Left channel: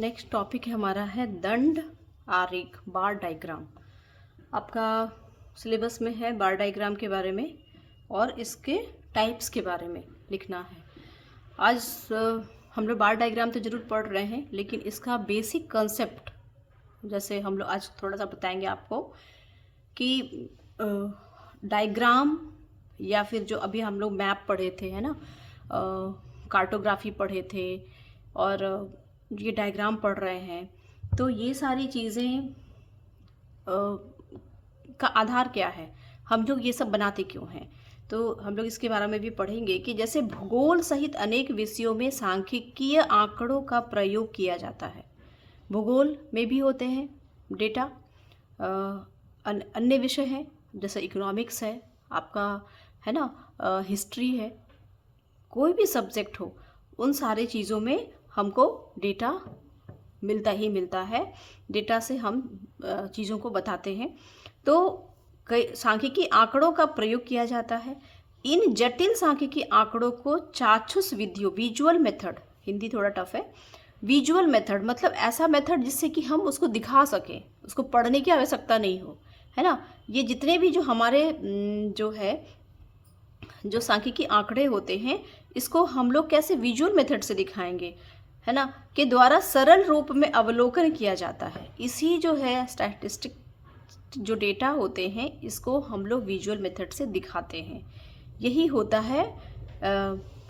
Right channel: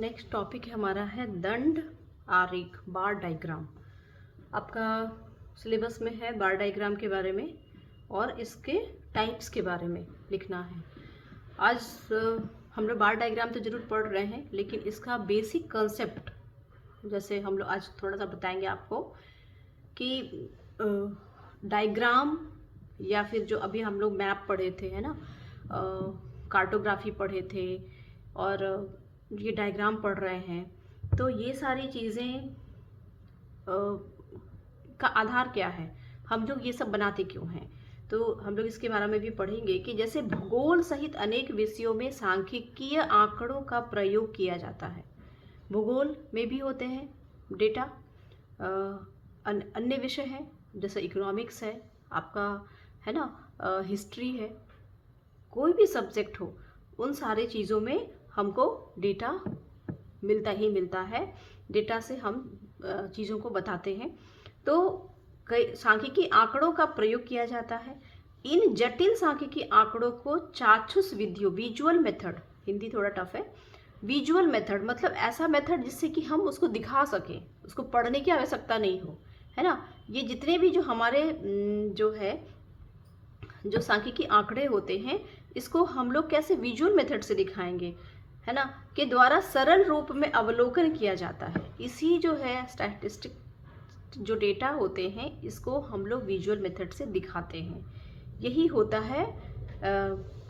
Next topic है हमारा है दंड आरेख बार डायग्राम। आपका सिलेबस में है बार डायग्राम के बारे में और इसके टाइप्स के बारे में लिखना है। आज हम लोग बार डायग्राम तो ज़रूर पढ़ रहे हैं, लेकिन इसका बेसिक कंसेप्ट जैसे हम लोग आज थोड़ा सा बताएंगे आपको कि डायग्राम या फिर जो अभी हम लोग मैप पढ़े थे, है ना, कार्टोग्राफी पढ़े थे और ये डायग्राम पढ़ रहे हैं, तो ये सारी चीज़ें का आधार क्या है, हम लोग ये सब बनाते क्यों हैं। तो हम लोग इसके बारे में भी पढ़ेंगे कि जैसे भूगोल सहित अनेक विषयों में सांख्यिकीय आंकड़ों का प्रयोग किया जाता है। भूगोल में भी होते हैं डेटा, अन्य विषय हैं जैसे इकोनॉमिक्स है आपका, है ना, हिस्ट्री है, कोई भी सब्जेक्ट हो, उन सारे चीज़ों में हमको डेटा मिलता ही मिलता है। डेटा से हम चीज़ों को बताते हैं। तो कई सांख्यिकी आंकड़ों का प्रयोग किया जाता है। इन जटिल सांख्यिकी आंकड़ों को चाक्षुष विधियों, विजुअल मेथड, हिंदी थोड़ा टफ है, विजुअल मेथड मतलब ऐसा मेथड जिससे कि हम उसको दिखा सकें, उसको पढ़ने की आवश्यकता नहीं हो, है ना। ये जितने भी जो हमारे जो सांख्यिकी आंकड़े होते हैं, इसको हम लोग कैसे विजुअल मेथड से दिखाएंगे, है ना, के द्वारा सरल रूप में अवलोकन किया जाता है। इसी जो है स्टैटिस्टिक जो डेटा होते हैं, इसको हम लोग विजुअल मेथड से दिखाते हैं। यही होता है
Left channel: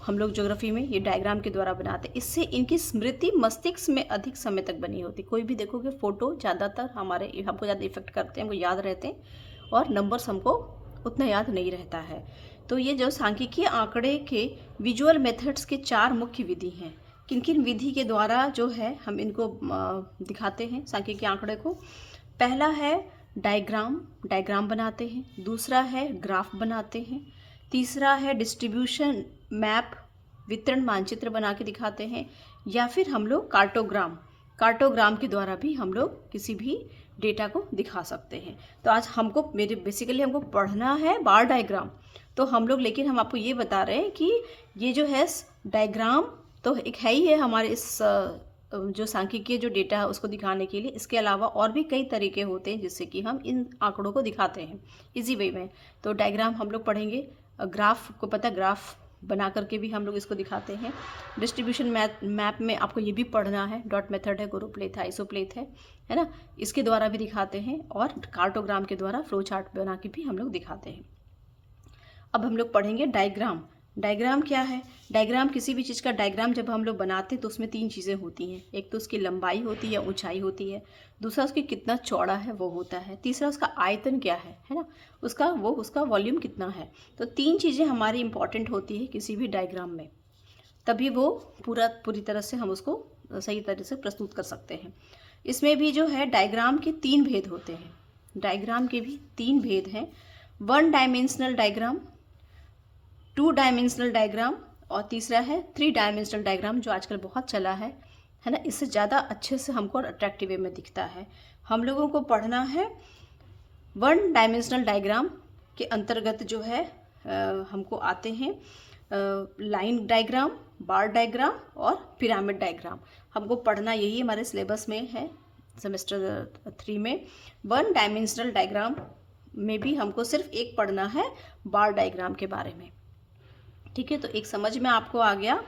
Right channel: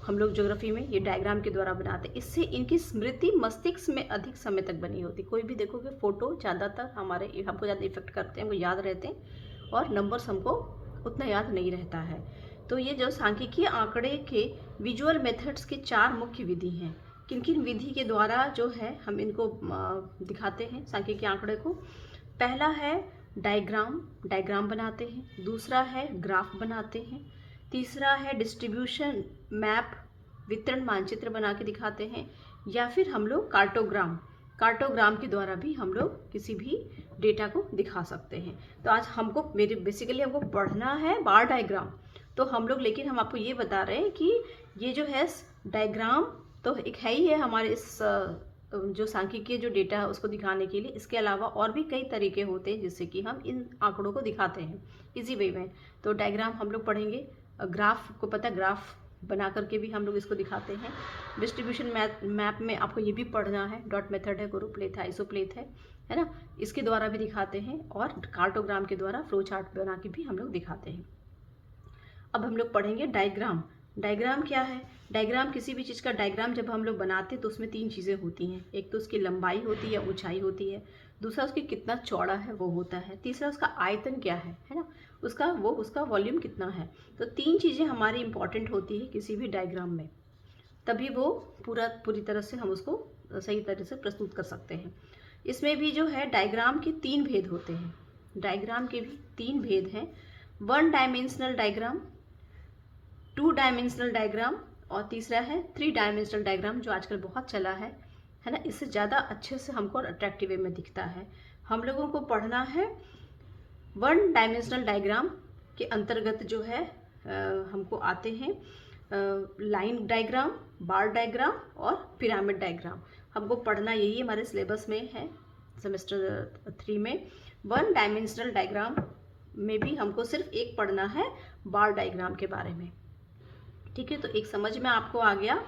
हम लोग ज्योग्राफी में ये डायग्राम के द्वारा बनाते हैं। इससे इनकी स्मृति मस्तिष्क में अधिक समय तक बनी होती। कोई भी देखोगे फोटो ज़्यादातर हमको ज़्यादा इफेक्ट करते हैं, वो याद रहते हैं, और नंबर्स हमको उतना याद नहीं रहता है। तो ये जो सांख्यिकीय आंकड़े के विजुअल मेथड्स के 4 मुख्य विधि हैं। किन किन विधि के द्वारा जो है हम इनको दिखाते हैं सांख्यिकीय आंकड़े को। पहला है डायग्राम बनाते हैं। दूसरा है ग्राफ बनाते हैं। तीसरा है डिस्ट्रीब्यूशन मैप, वितरण मानचित्र बना के दिखाते हैं। या फिर हम लोग कार्टोग्राम के द्वारा भी हम लोग किसी भी डेटा को दिखा सकते हैं। तो आज बेसिकली हमको पढ़ना है बार डायग्राम। तो हम लोग, लेकिन हम आपको ये बता रहे हैं कि ये जो है डायग्राम तो एक है ही है हमारे इस जो सांख्यिकीय जो डेटा है उसको दिखाने के लिए। इसके अलावा और भी कई तरीके होते हैं जिससे कि हम इन आंकड़ों को दिखाते हैं इजी वे में। तो डायग्राम हम लोग पढ़ेंगे। ग्राफ को पता है, ग्राफ बना करके भी हम लोग इसको दिखाते हैं। डिस्ट्रीब्यूशन मैप में आपको ये भी पढ़ना है, डॉट मेथड है, ग्रुपलेथ है, आइसोप्लेथ है ना, इसके द्वारा भी दिखाते हैं। और कार्टोग्राम के द्वारा फ्लो चार्ट बना के भी हम लोग दिखाते हैं। अब हम लोग पढ़ेंगे डायग्राम क्या है। डायग्राम, किसी भी चीज़ का डायग्राम जब हम लोग बनाते हैं तो उसमें 3 चीज़ें होती हैं। एक तो उसकी लंबाई होती है, ऊंचाई होती है। दूसरा उसकी कितना चौड़ा है वो होता है। तीसरा उसका आयतन क्या है ना, उसका वॉल्यूम कितना है। तो 3 चीज़ें हमारी इंपॉर्टेंट होती है किसी भी डायग्राम में, तभी वो पूरी तरह से हम उसको सही तरह से प्रस्तुत कर सकते हैं। इसमें भी जो है डायग्राम के 3 भेद होते हैं। डायग्राम के भी 3 भेद हैं। 1 डायमेंशनल डायग्राम, 2 डायमेंशनल डायग्राम, और तीसरा है 3 डायमेंशनल डायग्राम, जो आजकल बहुत चला है ना। इससे ज़्यादा अच्छे से हमको अट्रैक्टिव वे में दिखता है। हम लोगों को पढ़ना है 1 डायमेंशनल डायग्राम के अंतर्गत जो है हमको आते हैं लाइन डायग्राम, बार डायग्राम और पिरामिड डायग्राम। हमको पढ़ना यही हमारे सिलेबस में है सेमेस्टर 3 में। 1 डायमेंशनल डायग्राम में भी हमको सिर्फ एक पढ़ना है बार डायग्राम के बारे में। ठीक है, तो एक समझ में आपको आ गया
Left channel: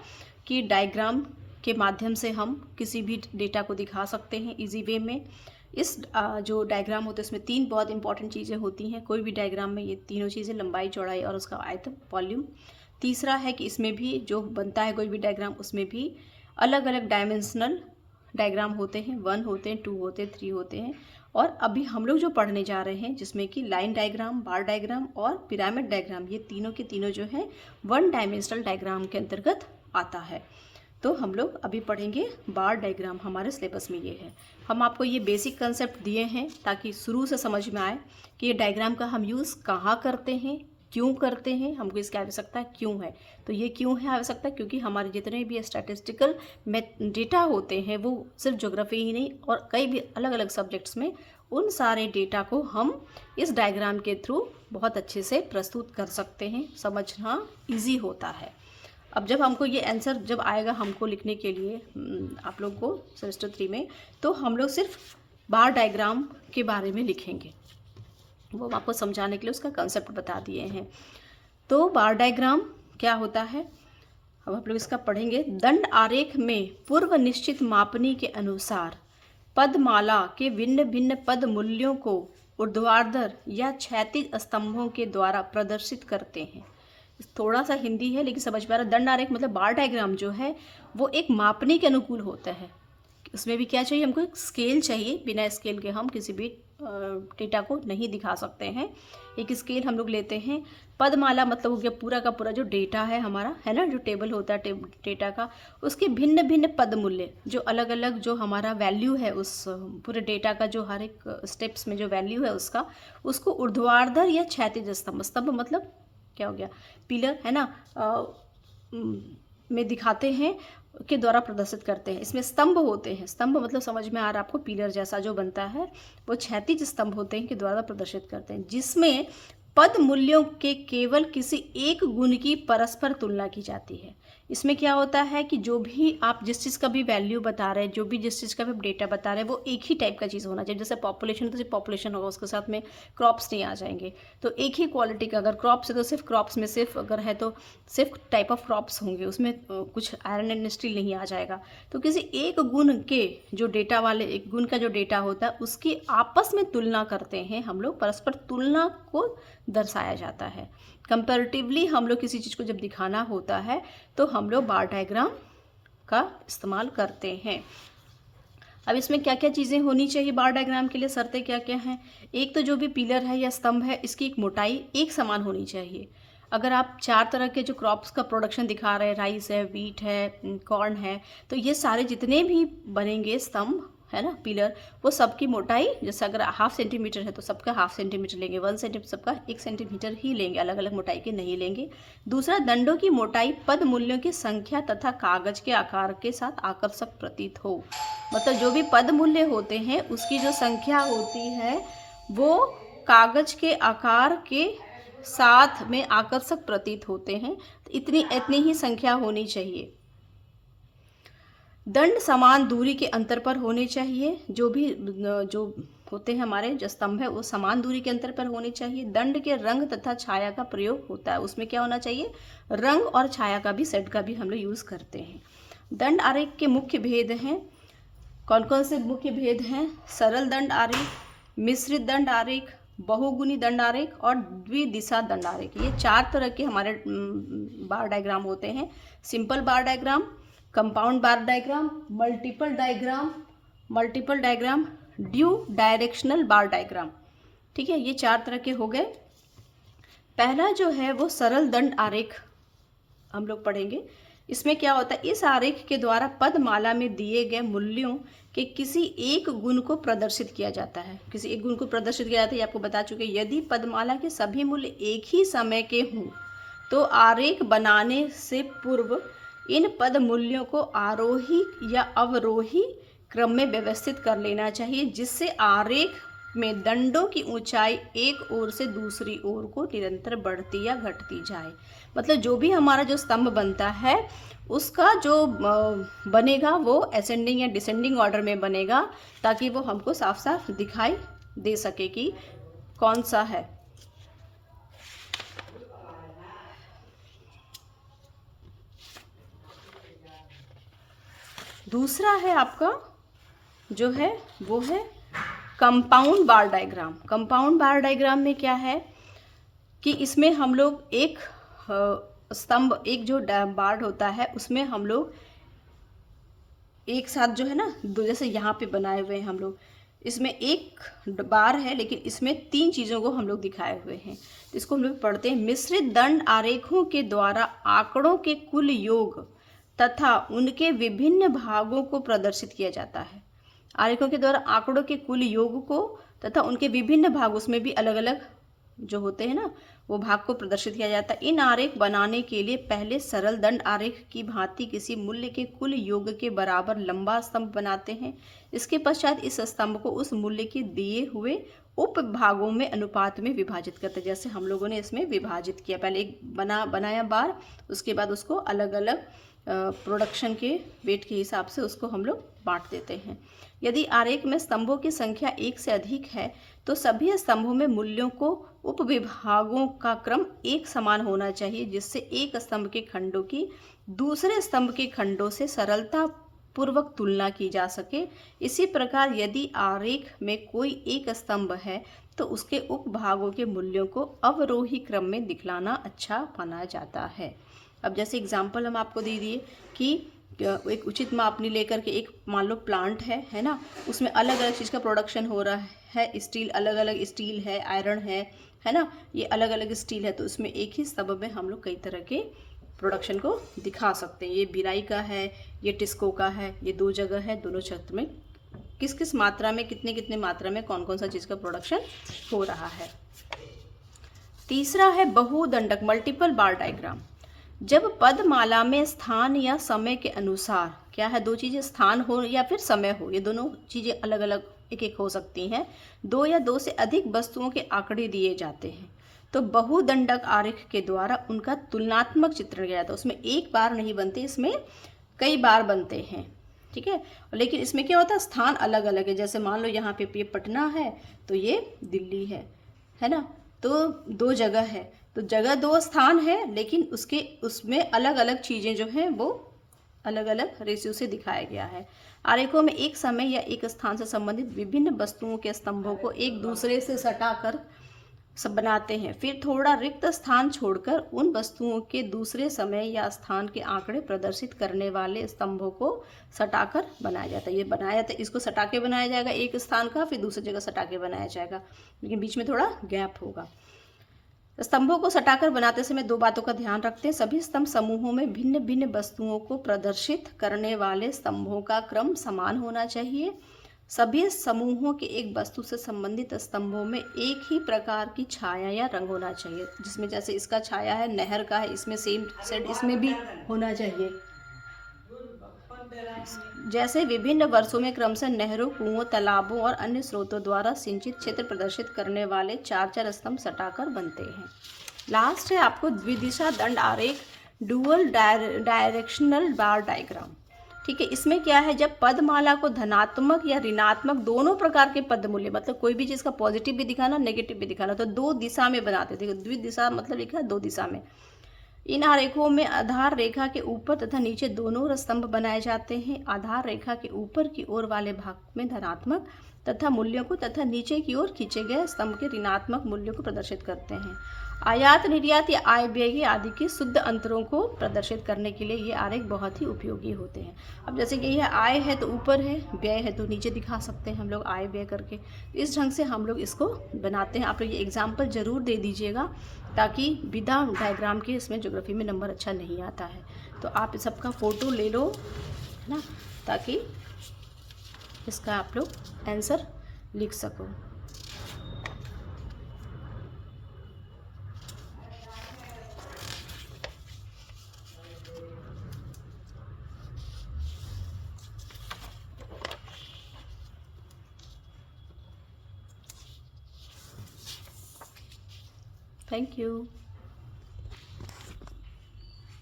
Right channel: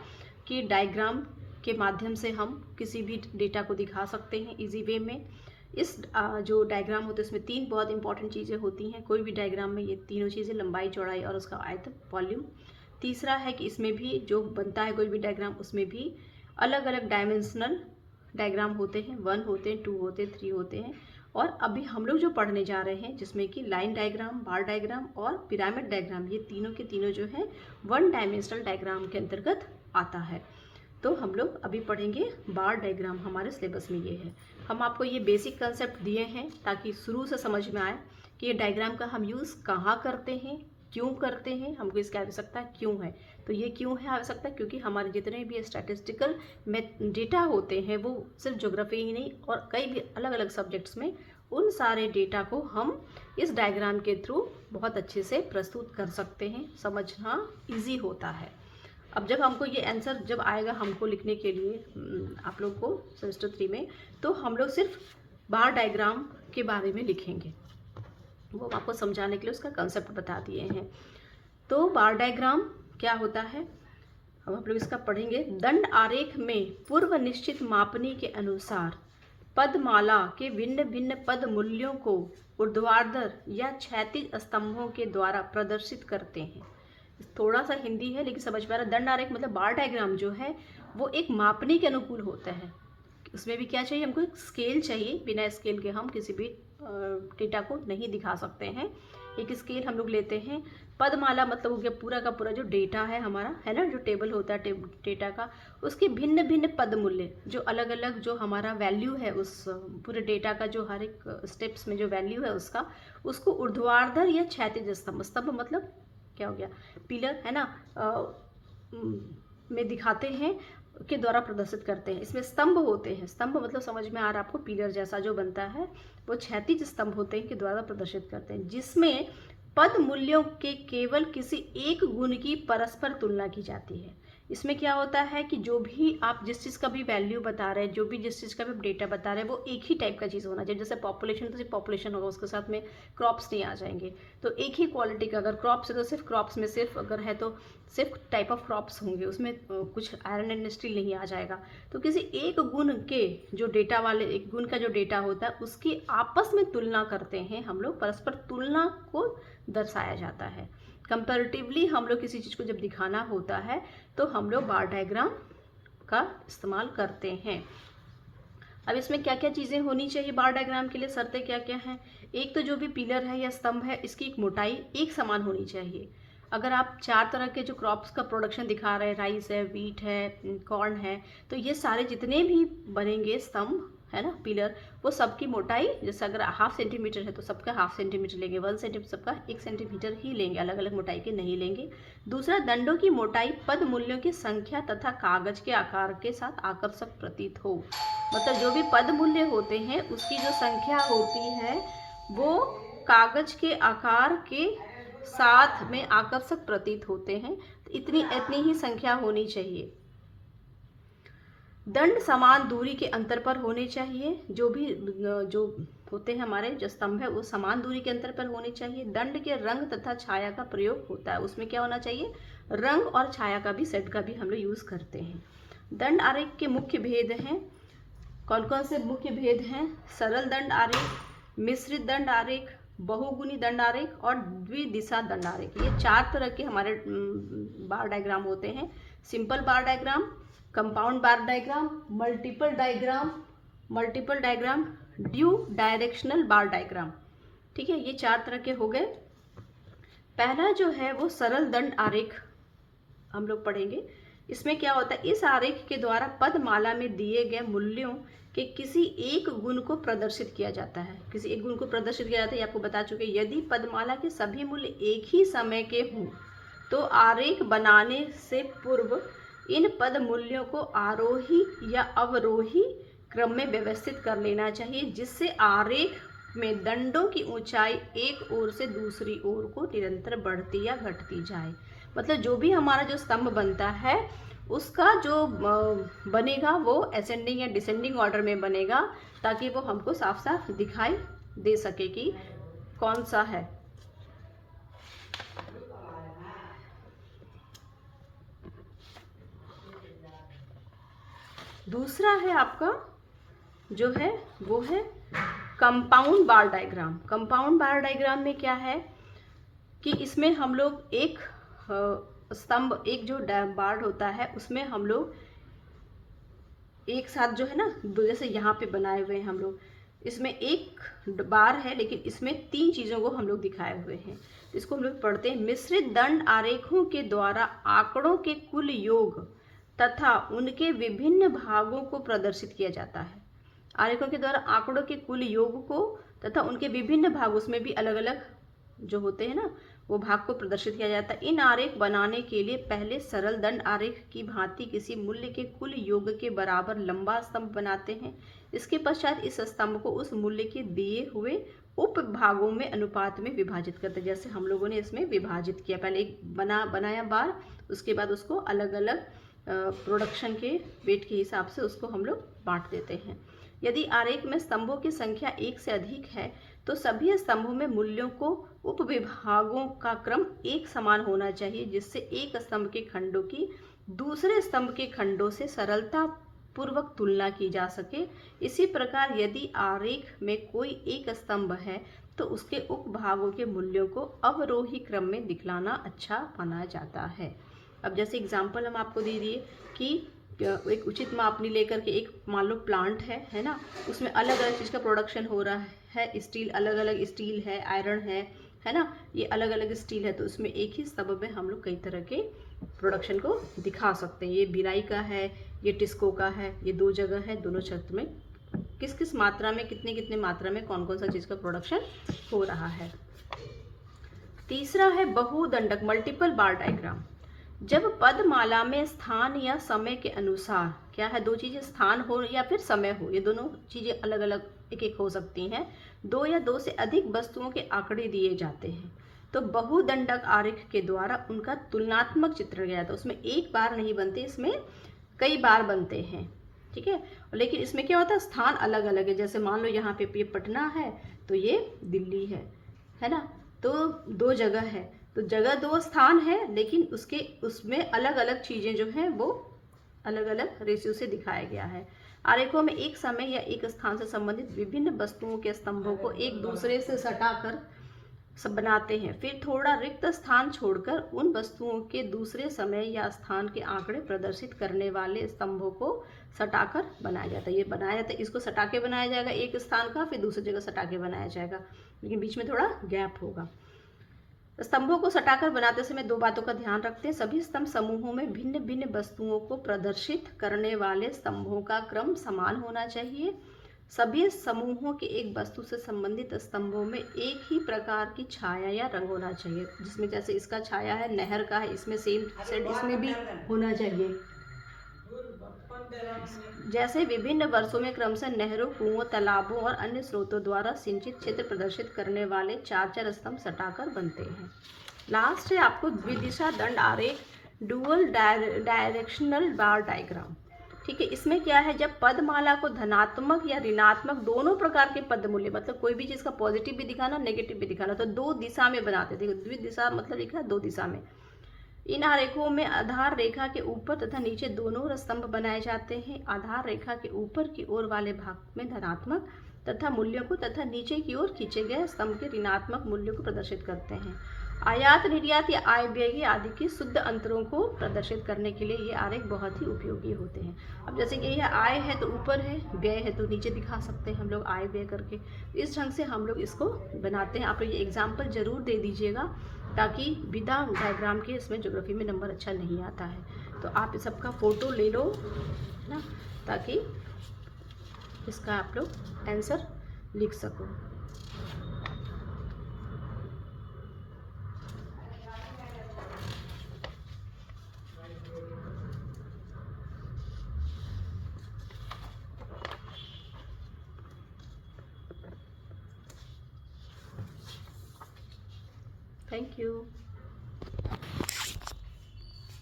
कि डायग्राम के माध्यम से हम किसी भी डेटा को दिखा सकते हैं इजी वे में। इस जो डायग्राम होते हैं उसमें 3 बहुत इंपॉर्टेंट चीज़ें होती हैं। कोई भी डायग्राम में ये तीनों चीज़ें, लंबाई, चौड़ाई और उसका आयतन, वॉल्यूम। तीसरा है कि इसमें भी जो बनता है कोई भी डायग्राम, उसमें भी अलग अलग डायमेंशनल डायग्राम होते हैं। 1 होते हैं, 2 होते हैं, 3 होते हैं। और अभी हम लोग जो पढ़ने जा रहे हैं जिसमें कि लाइन डायग्राम, बार डायग्राम और पिरामिड डायग्राम, ये तीनों के तीनों जो है 1 डायमेंशनल डायग्राम के अंतर्गत आता है। तो हम लोग अभी पढ़ेंगे बार डायग्राम, हमारे सिलेबस में ये है। हम आपको ये बेसिक कंसेप्ट दिए हैं ताकि शुरू से समझ में आए कि ये डायग्राम का हम यूज़ कहाँ करते हैं, क्यों करते हैं, हमको इसकी आवश्यकता क्यों है। तो ये क्यों है आवश्यकता, क्योंकि हमारे जितने भी स्टैटिस्टिकल डेटा होते हैं वो सिर्फ ज्योग्राफी ही नहीं और कई भी अलग अलग सब्जेक्ट्स में, उन सारे डेटा को हम इस डायग्राम के थ्रू बहुत अच्छे से प्रस्तुत कर सकते हैं। समझना ईजी होता है। अब जब हमको ये आंसर जब आएगा हमको लिखने के लिए आप लोग को सेमेस्टर 3 में, तो हम लोग सिर्फ बार डायग्राम के बारे में लिखेंगे। वो हम आपको समझाने के लिए उसका कंसेप्ट बता दिए हैं। तो बार डायग्राम क्या होता है, अब आप लोग इसका पढ़ेंगे। दंड आरेख में पूर्व निश्चित मापनी के अनुसार पदमाला के भिन्न भिन्न पद मूल्यों को ऊर्ध्वाधर या क्षैतिज स्तंभों के द्वारा प्रदर्शित करते हैं। थोड़ा सा हिंदी है लेकिन समझ पा रहा है। दंड आरेख मतलब बार डायग्राम जो है वो एक मापने के अनुकूल होता है। उसमें भी क्या चाहिए, हमको एक स्केल चाहिए। बिना स्केल के हम किसी भी डेटा को नहीं दिखा सकते हैं। एक स्केल हम लोग लेते हैं। पदमाला मतलब हो गया पूरा का पूरा जो डेटा है हमारा, है ना, जो टेबल होता है डेटा का, उसके भिन्न भिन्न पद मूल्य, जो अलग अलग जो हमारा वैल्यू है उस पूरे डेटा का, जो हर एक स्टेप्स में जो वैल्यू है उसका, उसको ऊर्ध्वाधर या क्षैतिज स्तंभ, स्तंभ मतलब क्या हो गया, पिलर, है ना, में दिखाते हैं के द्वारा प्रदर्शित करते हैं। इसमें स्तंभ होते हैं। स्तंभ मतलब समझ में आ रहा है आपको, पिलर जैसा जो बनता है वो क्षैतिज स्तंभ होते हैं के द्वारा प्रदर्शित करते हैं, जिसमें पद मूल्यों के केवल किसी एक गुण की परस्पर तुलना की जाती है। इसमें क्या होता है कि जो भी आप जिस चीज़ का भी वैल्यू बता रहे हैं, जो भी जिस चीज़ का भी डेटा बता रहे हैं, वो एक ही टाइप का चीज़ होना चाहिए। जैसे पॉपुलेशन तो सिर्फ पॉपुलेशन होगा, उसके साथ में क्रॉप्स नहीं आ जाएंगे। तो एक ही क्वालिटी का, अगर क्रॉप्स है तो सिर्फ क्रॉप्स में सिर्फ, अगर है तो सिर्फ टाइप ऑफ क्रॉप्स होंगे, उसमें कुछ आयरन एंड स्टील नहीं आ जाएगा। तो किसी एक गुण के जो डेटा वाले, एक गुण का जो डेटा होता है उसकी आपस में तुलना करते हैं हम लोग। परस्पर तुलना को दर्शाया जाता है। कंपैरेटिवली हम लोग किसी चीज़ को जब दिखाना होता है तो हम लोग बार डायग्राम का इस्तेमाल करते हैं। अब इसमें क्या क्या चीज़ें होनी चाहिए बार डायग्राम के लिए, शर्तें क्या क्या हैं। एक तो जो भी पिलर है या स्तंभ है, इसकी एक मोटाई एक समान होनी चाहिए। अगर आप 4 तरह के जो क्रॉप्स का प्रोडक्शन दिखा रहे हैं, राइस है, वीट है, कॉर्न है, तो ये सारे जितने भी बनेंगे स्तंभ, है ना, पिलर, वो सबकी मोटाई, जैसे अगर 1/2 सेंटीमीटर है तो सबका 1/2 सेंटीमीटर लेंगे, 1 सेंटीमीटर सबका 1 सेंटीमीटर ही लेंगे, अलग अलग मोटाई के नहीं लेंगे। दूसरा, दंडों की मोटाई पद मूल्यों की संख्या तथा कागज के आकार के साथ आकर्षक प्रतीत हो। मतलब जो भी पद मूल्य होते हैं उसकी जो संख्या होती है वो कागज के आकार के साथ में आकर्षक प्रतीत होते हैं। तो इतनी ही संख्या होनी चाहिए। दंड समान दूरी के अंतर पर होने चाहिए। जो भी जो होते हैं हमारे जो स्तंभ है वो समान दूरी के अंतर पर होने चाहिए। दंड के रंग तथा छाया का प्रयोग होता है। उसमें क्या होना चाहिए, रंग और छाया का भी, सेट का भी हम लोग यूज़ करते हैं। दंड आरेख के मुख्य भेद हैं। कौन कौन से मुख्य भेद हैं? सरल दंड आरेख, मिश्रित दंड आरेख, बहुगुणी दंड आरेख और द्विदिशा दंड आरेख। ये 4 तरह के हमारे बार डायग्राम होते हैं। Simple bar diagram, compound bar diagram, multiple diagram, due directional bar diagram. ठीक है, ये 4 तरह के हो गए। पहला जो है वो सरल दंड आरेख हम लोग पढ़ेंगे। इसमें क्या होता है, इस आरेख के द्वारा पदमाला में दिए गए मूल्यों के किसी एक गुण को प्रदर्शित किया जाता है। किसी एक गुण को प्रदर्शित किया जाता है, ये आपको बता चुके। यदि पदमाला के सभी मूल्य एक ही समय के हों तो आरेख बनाने से पूर्व इन पद मूल्यों को आरोही या अवरोही क्रम में व्यवस्थित कर लेना चाहिए, जिससे आरेख में दंडों की ऊंचाई एक ओर से दूसरी ओर को निरंतर बढ़ती या घटती जाए। मतलब जो भी हमारा जो स्तंभ बनता है उसका जो बनेगा वो असेंडिंग या डिसेंडिंग ऑर्डर में बनेगा, ताकि वो हमको साफ साफ दिखाई दे सके कि कौन सा है। दूसरा है आपका जो है वो है compound bar diagram. Compound bar diagram में क्या है कि इसमें हम लोग एक स्तंभ, एक जो बार होता है उसमें हम लोग एक साथ जो है ना, दो जैसे यहाँ पे बनाए हुए हैं हम लोग, इसमें एक बार है लेकिन इसमें 3 चीज़ों को हम लोग दिखाए हुए हैं। इसको हम लोग पढ़ते हैं। मिश्रित दंड आरेखों के द्वारा आंकड़ों के कुल योग तथा उनके विभिन्न भागों को प्रदर्शित किया जाता है। आरेखों के द्वारा आंकड़ों के कुल योग को तथा उनके विभिन्न भाग, उसमें भी अलग अलग जो होते हैं ना वो भाग को प्रदर्शित किया जाता है। इन आरेख बनाने के लिए पहले सरल दंड आरेख की भांति किसी मूल्य के कुल योग के बराबर लंबा स्तंभ बनाते हैं। इसके पश्चात इस स्तंभ को उस मूल्य के दिए हुए उप भागों में अनुपात में विभाजित करते हैं। जैसे हम लोगों ने इसमें विभाजित किया, पहले एक बनाया बार, उसके बाद उसको अलग अलग प्रोडक्शन के वेट के हिसाब से उसको हम लोग बांट देते हैं। यदि आरेख में स्तंभों की संख्या एक से अधिक है तो सभी स्तंभों में मूल्यों को उपविभागों का क्रम एक समान होना चाहिए, जिससे एक स्तंभ के खंडों की दूसरे स्तंभ के खंडों से सरलता पूर्वक तुलना की जा सके। इसी प्रकार यदि आरेख में कोई एक स्तंभ है तो उसके उपभागों के मूल्यों को अवरोही क्रम में दिखलाना अच्छा माना जाता है। अब जैसे एग्जाम्पल हम आपको दे दिए कि एक उचित मापनी लेकर के एक मान लो प्लांट है ना, उसमें अलग अलग चीज़ का प्रोडक्शन हो रहा है, स्टील अलग अलग स्टील है, आयरन है ना, ये अलग अलग स्टील है, तो उसमें एक ही स्तंभ में हम लोग कई तरह के प्रोडक्शन को दिखा सकते हैं। ये भिलाई का है, ये टिस्को का है, ये दो जगह है, दोनों क्षेत्र में किस किस मात्रा में, कितने कितने मात्रा में कौन कौन सा चीज़ का प्रोडक्शन हो रहा है। तीसरा है बहुदंडक मल्टीपल बार डायग्राम। जब पदमाला में स्थान या समय के अनुसार, क्या है, दो चीज़ें स्थान हो या फिर समय हो, ये दोनों चीज़ें अलग अलग एक एक हो सकती हैं, दो या दो से अधिक वस्तुओं के आंकड़े दिए जाते हैं तो बहुदंडक आरेख के द्वारा उनका तुलनात्मक चित्रण किया जाता है। उसमें एक बार नहीं बनते, इसमें कई बार बनते हैं, ठीक है। लेकिन इसमें क्या होता है, स्थान अलग अलग है। जैसे मान लो यहाँ पे ये पटना है तो ये दिल्ली है ना, तो दो जगह है, तो जगह दो स्थान है, लेकिन उसमें अलग अलग चीज़ें जो हैं वो अलग अलग रेशियो से दिखाया गया है। आरेखों में एक समय या एक स्थान से संबंधित विभिन्न वस्तुओं के स्तंभों को एक दूसरे से सटाकर सब बनाते हैं, फिर थोड़ा रिक्त स्थान छोड़कर उन वस्तुओं के दूसरे समय या स्थान के आंकड़े प्रदर्शित करने वाले स्तंभों को सटाकर बनाया जाता है। ये बनाया जाता है, इसको सटा के बनाया जाएगा एक स्थान का, फिर दूसरी जगह सटा के बनाया जाएगा, लेकिन बीच में थोड़ा गैप होगा। स्तंभों को सटाकर बनाते समय दो बातों का ध्यान रखते हैं। सभी स्तंभ समूहों में भिन्न भिन्न वस्तुओं को प्रदर्शित करने वाले स्तंभों का क्रम समान होना चाहिए। सभी समूहों के एक वस्तु से संबंधित स्तंभों में एक ही प्रकार की छाया या रंग होना चाहिए, जिसमें जैसे इसका छाया है, नहर का है, इसमें सेम सेट इसमें भी होना चाहिए। जैसे विभिन्न वर्षों में क्रमशः नहरों, कुओं, तालाबों और अन्य स्रोतों द्वारा सिंचित क्षेत्र प्रदर्शित करने वाले चार चार स्तंभ सटाकर बनते हैं। लास्ट है आपको द्विदिशा दंड आरेख, डुअल डायरेक्शनल बार डायग्राम, ठीक है। इसमें क्या है, जब पदमाला को धनात्मक या ऋणात्मक दोनों प्रकार के पद मूल्य, मतलब कोई भी चीज़ का पॉजिटिव भी दिखाना, नेगेटिव भी दिखाना, तो दो दिशा में बनाते थे। द्विदिशा मतलब लिखा है दो दिशा में। इन आरेखों में आधार रेखा के ऊपर तथा नीचे दोनों स्तंभ बनाए जाते हैं। आधार रेखा के ऊपर की ओर वाले भाग में धनात्मक तथा मूल्यों को तथा नीचे की ओर खींचे गए स्तंभ के ऋणात्मक मूल्यों को प्रदर्शित करते हैं। आयात निर्यात या आय व्यय आदि के शुद्ध अंतरों को प्रदर्शित करने के लिए ये आरेख बहुत ही उपयोगी होते हैं। अब जैसे कि यह आय है तो ऊपर है, व्यय है तो नीचे दिखा सकते हैं हम लोग आय व्यय करके। इस ढंग से हम लोग इसको बनाते हैं। आप लोग ये एग्जाम्पल जरूर दे दीजिएगा, ताकि विदा डायग्राम के इसमें ज्योग्राफी में नंबर अच्छा नहीं आता है। तो आप सबका फ़ोटो ले लो, है ना, ताकि इसका आप लोग आंसर लिख सको। Thank you.